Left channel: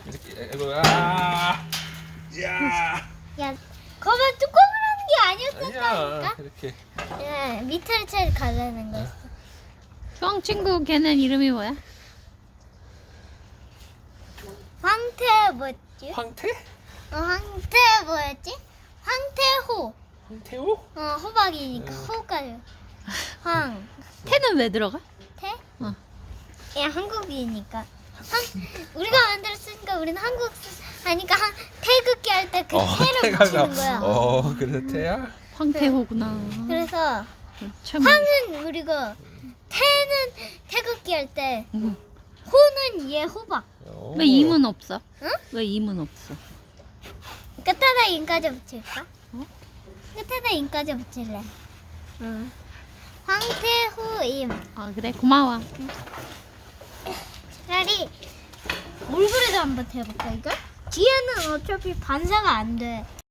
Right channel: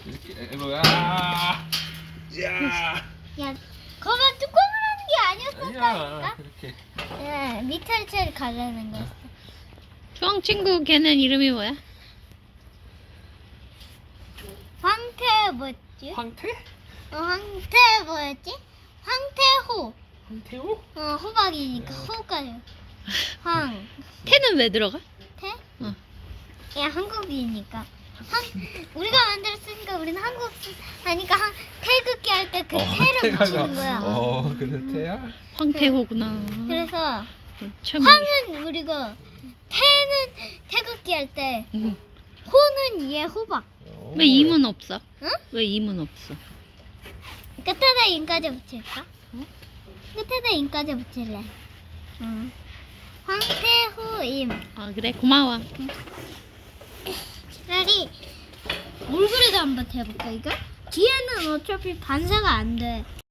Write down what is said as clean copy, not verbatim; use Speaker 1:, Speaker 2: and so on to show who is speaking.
Speaker 1: 이렇게 이거야. 야.
Speaker 2: 야, 거봐 뚜껑을 하는 게
Speaker 1: 아니야.
Speaker 2: 아니었었다니까.
Speaker 1: 이렇게.
Speaker 2: 야, 밑을 가려는 거였어.
Speaker 3: 주황 친구 걔는 이름이 뭐야?
Speaker 2: 황태 뭐였지?
Speaker 1: 황태?
Speaker 2: 황태 뭐였지? 황태호.
Speaker 1: 황태호?
Speaker 2: 호박이니까 호가요. 황.
Speaker 3: 태는 왜 들어가?
Speaker 2: 태?
Speaker 3: 어.
Speaker 2: 야, 한국이니까. 우리가 만들었으니까 우리는 한국 하니까 태극기 할 때 그 태를 붙이는 거야.
Speaker 1: 그래 태야?
Speaker 3: 황태호구나.
Speaker 2: 그래서
Speaker 3: 참.
Speaker 2: 황은 우리가 태는 태극기 할 때
Speaker 3: 응.
Speaker 2: 호는 얘 호박.
Speaker 3: 왜 임은 없어?
Speaker 2: 응?
Speaker 3: 왜 임은 없어?
Speaker 2: 끝에다 인까지 붙일까?
Speaker 3: 어?
Speaker 2: 끝에다 인까지 붙일래. 응. 황태호임.
Speaker 3: 아 그래 고마워.
Speaker 2: 차라리 물그릇 한번 해볼까 이거? 뒤에는 어차피 반사가 안 돼.